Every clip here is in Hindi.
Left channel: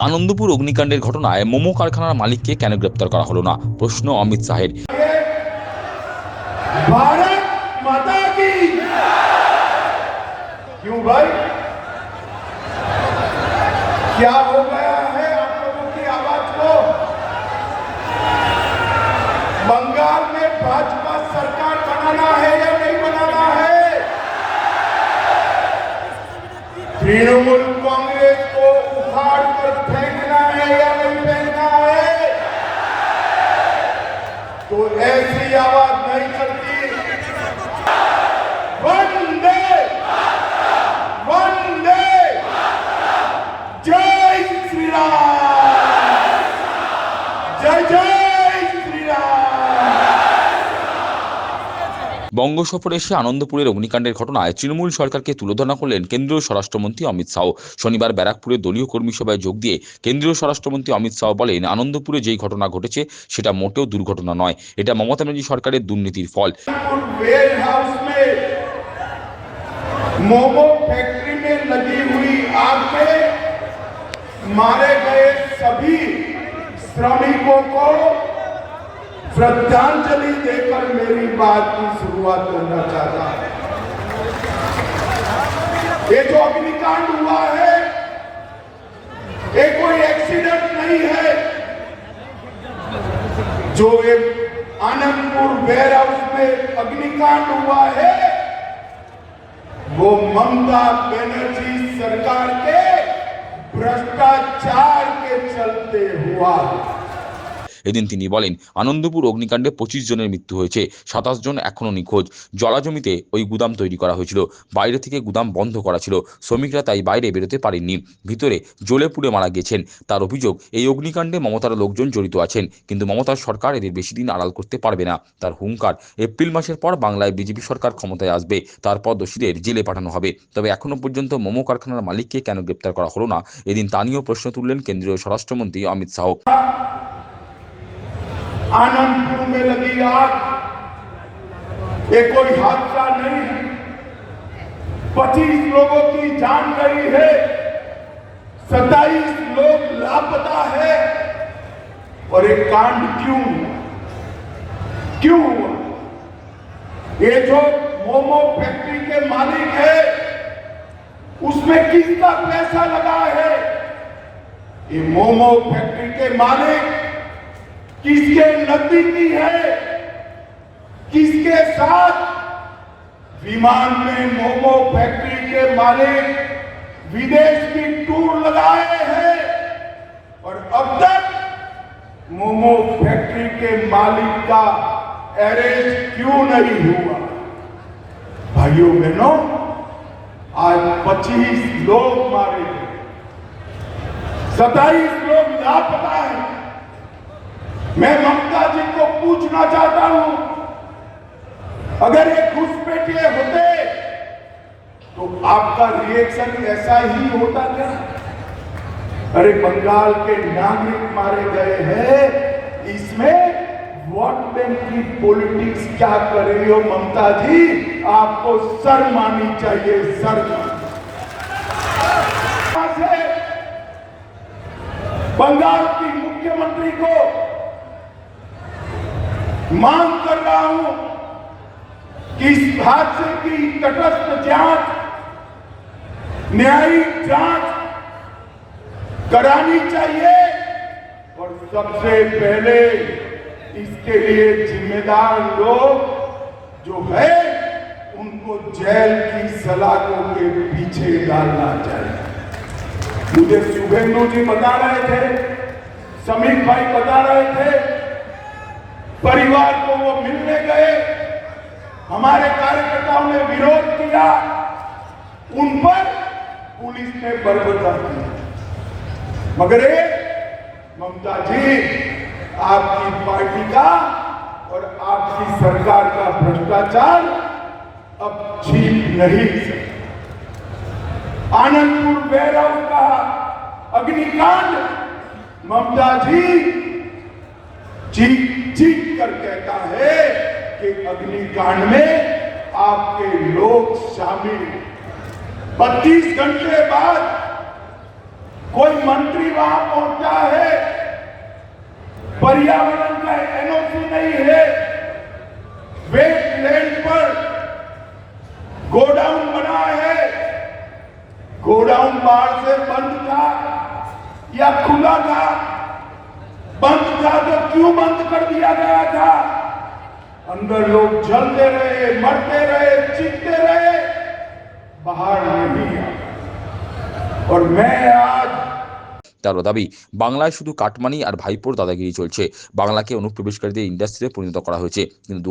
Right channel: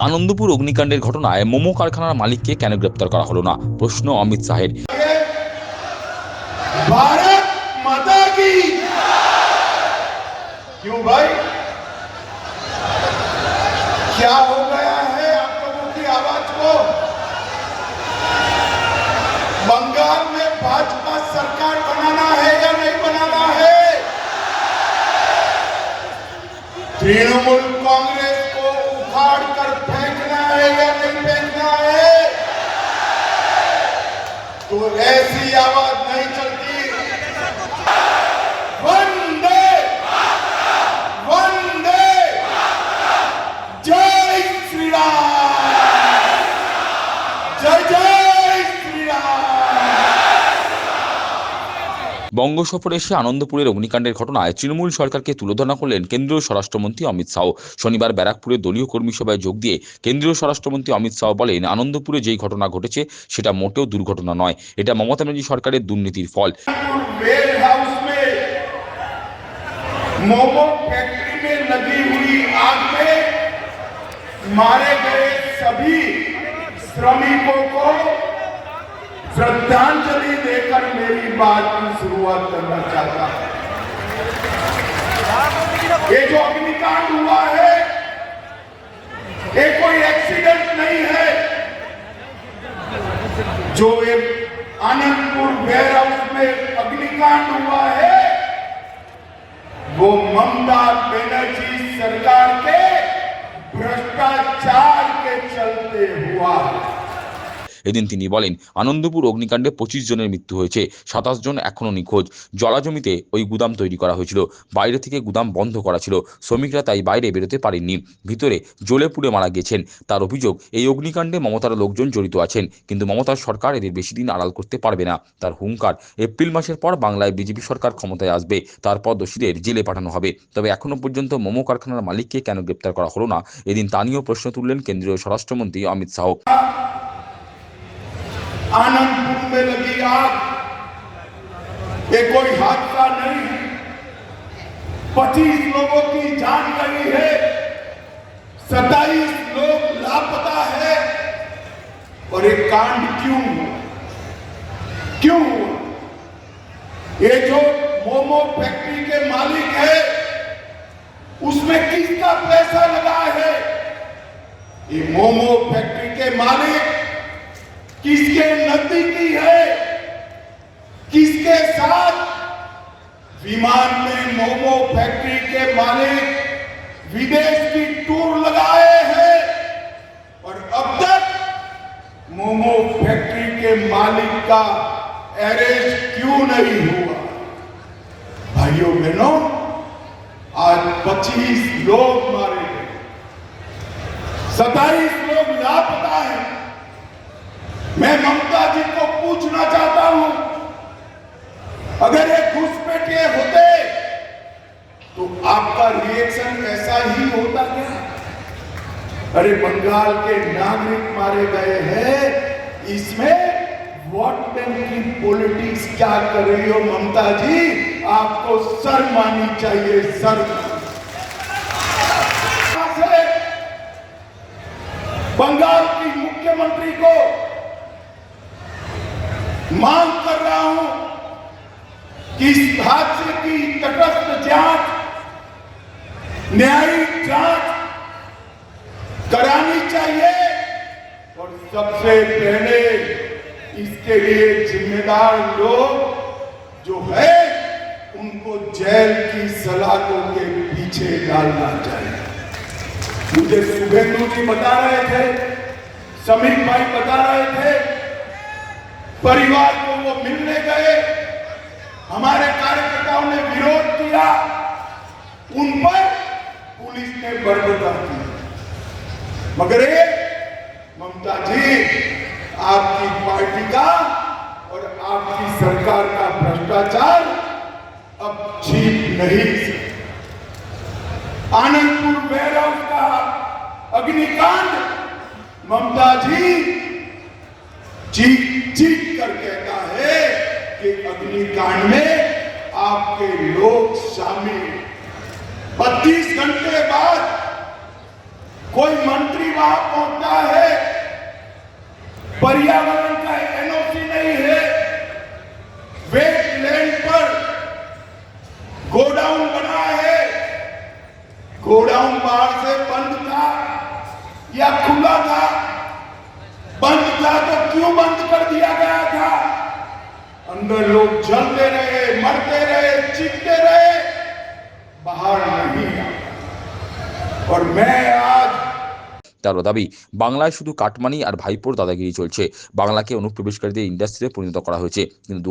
আনন্দপুর অগ্নিকাণ্ডের ঘটনায় মোমো কারখানার মালিককে কেন গ্রেপ্তার করা হলো না প্রশ্ন অমিত শাহের भारत माता की क्यों भाई तृणमूल कांग्रेस को उखाड़ कर फेंकना है या नहीं फेंकना है? तो ऐसी आवाज़ नहीं चलती। বঙ্গ সফরে এসে আনন্দপুরের অগ্নিকাণ্ডের ঘটনায় তৃণমূল সরকারকে তুলোধনা করলেন কেন্দ্রীয় স্বরাষ্ট্রমন্ত্রী অমিত শাহ শনিবার ব্যারাকপুরে দলীয় কর্মী সভায় যোগ দিয়ে কেন্দ্রীয় স্বরাষ্ট্রমন্ত্রী অমিত শাহ বলেন আনন্দপুরে যেই ঘটনা ঘটেছে সেটা মোটেও দুর্ঘটনা নয় এটা মমতা ব্যানার্জি সরকারের দুর্নীতির ফল वेयर हाउस में मोमो फैक्ट्री में लगी हुई आग में मारे गए सभी श्रमिकों को श्रद्धांजलि देकर मेरी बात की शुरुआत करना चाहता हूँ। ये जो अग्निकांड हुआ है, ये कोई एक्सीडेंट नहीं है। जो एक आनंदपुर वेयर हाउस में अग्निकांड हुआ है, वो ममता बनर्जी सरकार के भ्रष्टाचार के चलते हुआ है। এদিন তিনি বলেন, আনন্দপুর অগ্নিকাণ্ডে পঁচিশ জনের মৃত্যু হয়েছে, সাতাশ জন এখনও নিখোঁজ। জলাজমিতে ওই গুদাম তৈরি করা হয়েছিল। বাইরে থেকে গুদাম বন্ধ করা ছিল। শ্রমিকরা তাই বাইরে বেরোতে পারেননি। ভিতরে জ্বলে পুড়ে মারা গেছেন তার অভিযোগ, এই অগ্নিকাণ্ডে মমতার লোকজন জড়িত আছেন, কিন্তু মমতার সরকার এদের বেশি দিন আড়াল করতে পারবে না। তার হুঙ্কার, এপ্রিল মাসের পর বাংলায় বিজেপি সরকার ক্ষমতায় আসবে, তারপর দোষীদের জেলে পাঠানো হবে। তবে এখনও পর্যন্ত মোমো কারখানার মালিককে কেন গ্রেপ্তার করা হলো না? এদিন তা নিয়েও প্রশ্ন তুললেন কেন্দ্রীয় স্বরাষ্ট্রমন্ত্রী অমিত শাহ। आनंदपुर में लगी आग। ये कोई हादसा नहीं। है पच्चीस लोगों की जान गई है। सत्ताईस लोग लापता है। और ये कांड क्यों क्यों ये जो मोमो फैक्ट्री के मालिक है, उसमें किसका पैसा लगा है? ये मोमो फैक्ट्री के मालिक किसके नजदीकी है? किसके साथ? विमान में मोमो फैक्ट्री के मालिक विदेश की टूर लगाए हैं। और अब तक मोमो फैक्ट्री के मालिक का अरेस्ट क्यों नहीं हुआ? भाइयों बहनों, आज 25 लोग मारे गए। सत्ताईस लोग लापता हैं। मैं ममता जी को पूछना चाहता हूँ, अगर ये घुसपैठिए होते तो आपका रिएक्शन ऐसा ही होता क्या? अरे, बंगाल के नागरिक मारे गए हैं, इसमें वोट बैंक की पॉलिटिक्स क्या कर रही हो ममता जी? आपको सर मानी चाहिए, सर। बंगाल की मुख्यमंत्री को मांग कर रहा हूँ कि इस हादसे की तटस्थ जाँच, न्यायिक जाँच करानी चाहिए। और सबसे पहले इसके लिए जिम्मेदार लोग जो है, उनको जेल की सलाखों के पीछे डालना चाहिए। मुझे शुभेंदु जी बता रहे थे, समीर भाई बता रहे थे परिवार को वो मिलने गए। हमारे कार्यकर्ताओं ने विरोध किया। उन पर पुलिस ने बर्बरता की। मगर ममता जी, आपकी पार्टी का और आपकी सरकार का भ्रष्टाचार अब जीत नहीं आनंदपुर हाउस का अग्निकांड ममता जी चीख चीख कर कहता है कि अग्निकांड में आपके लोग शामिल। 32 घंटे बाद कोई मंत्री वहाँ पहुँचा है। पर्यावरण का एनओसी नहीं है। वेटलैंड पर गोडाउन बना है। गोडाउन बाहर से बंद था या खुला था? बंद था तो क्यों बंद कर दिया गया था अंदर लोग जलते रहे मरते रहे चीखते रहे बाहर नहीं आया और मैं आज তারও দাবি বাংলায় শুধু কাটমানি আর ভাইপোর দাদাগিরি চলছে বাংলাকে অনুপ্রবেশকারীদের ইন্ডাস্ট্রিতে পরিণত করা হয়েছে কিন্তু দু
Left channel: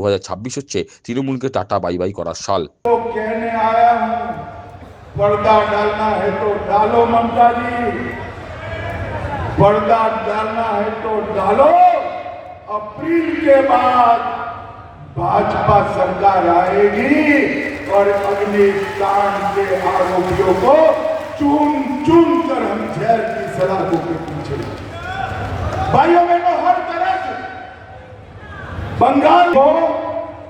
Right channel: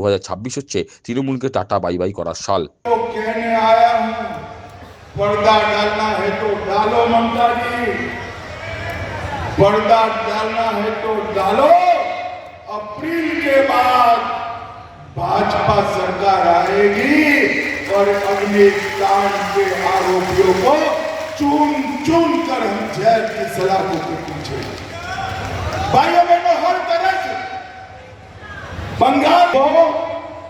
হচ্ছে তৃণমূলকে টাটা বাই বাই করার সাল तो कहने आया हूं पर्दा डालना है तो डालो ममता जी पर्दा डालना है तो डालो अप्रैल के बाद भाजपा सरकार आएगी और अग्निकांड के आरोपियों को चुन चुन कर हम जैल की सलाखों के पीछे भाइयों बहनों, हर तरह से बंगाल को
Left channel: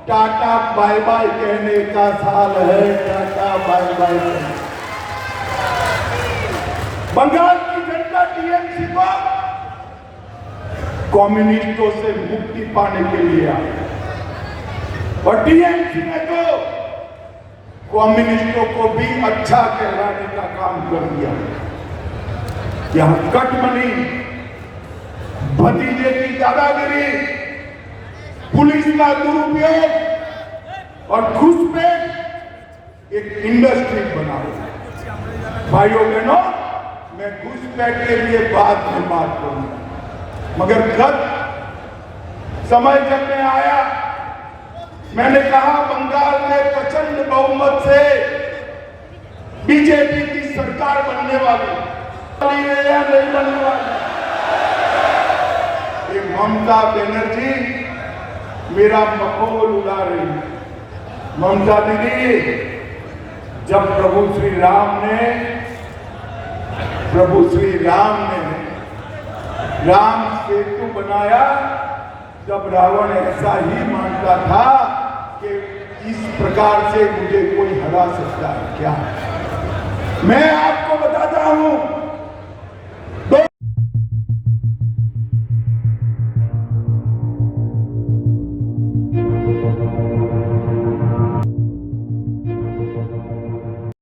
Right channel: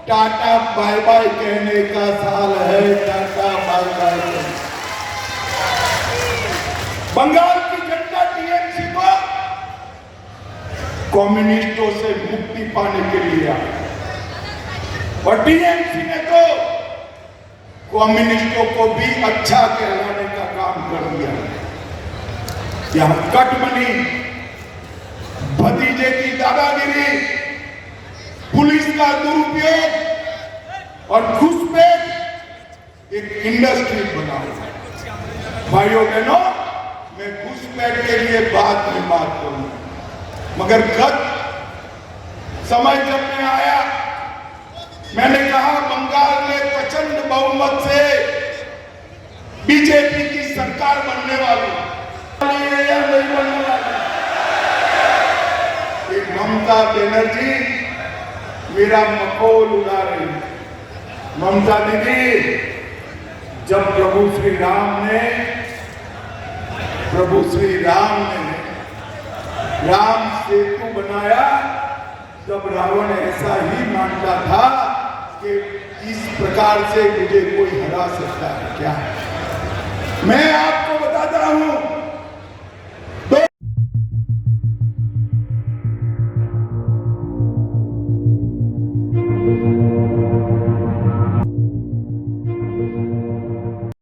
टाटा बाय बाय कहने का साल है, टाटा बाय बाय। बंगाल कम्युनिस्टों से मुक्ति पाने के लिए और टीएमसी ने तो कम्युनिस्टों को भी अच्छा कहलाने का काम कर दिया। यहाँ कटमनी, भतीजे की दादागिरी, पुलिस का दुरुपयोग और घुसपैठ एक इंडस्ट्री बना भाइयों बहनों, मैं घुसपैठ के लिए बाद में बात करूँगा। मगर गत समय जब मैं आया, मैंने कहा, बंगाल में प्रचंड बहुमत से बीजेपी की सरकार बनने वाली। है या नहीं बनने वाली ममता बनर्जी, मेरा मखौल उड़ा रही ममता दीदी, जब प्रभु श्री राम ने, प्रभु श्री राम ने राम सेतु बनाया, जब रावण ऐसा ही मानता था कि इस प्रकार से मुझे कोई हरा सकता है क्या? मैं आपको बताता हूँ।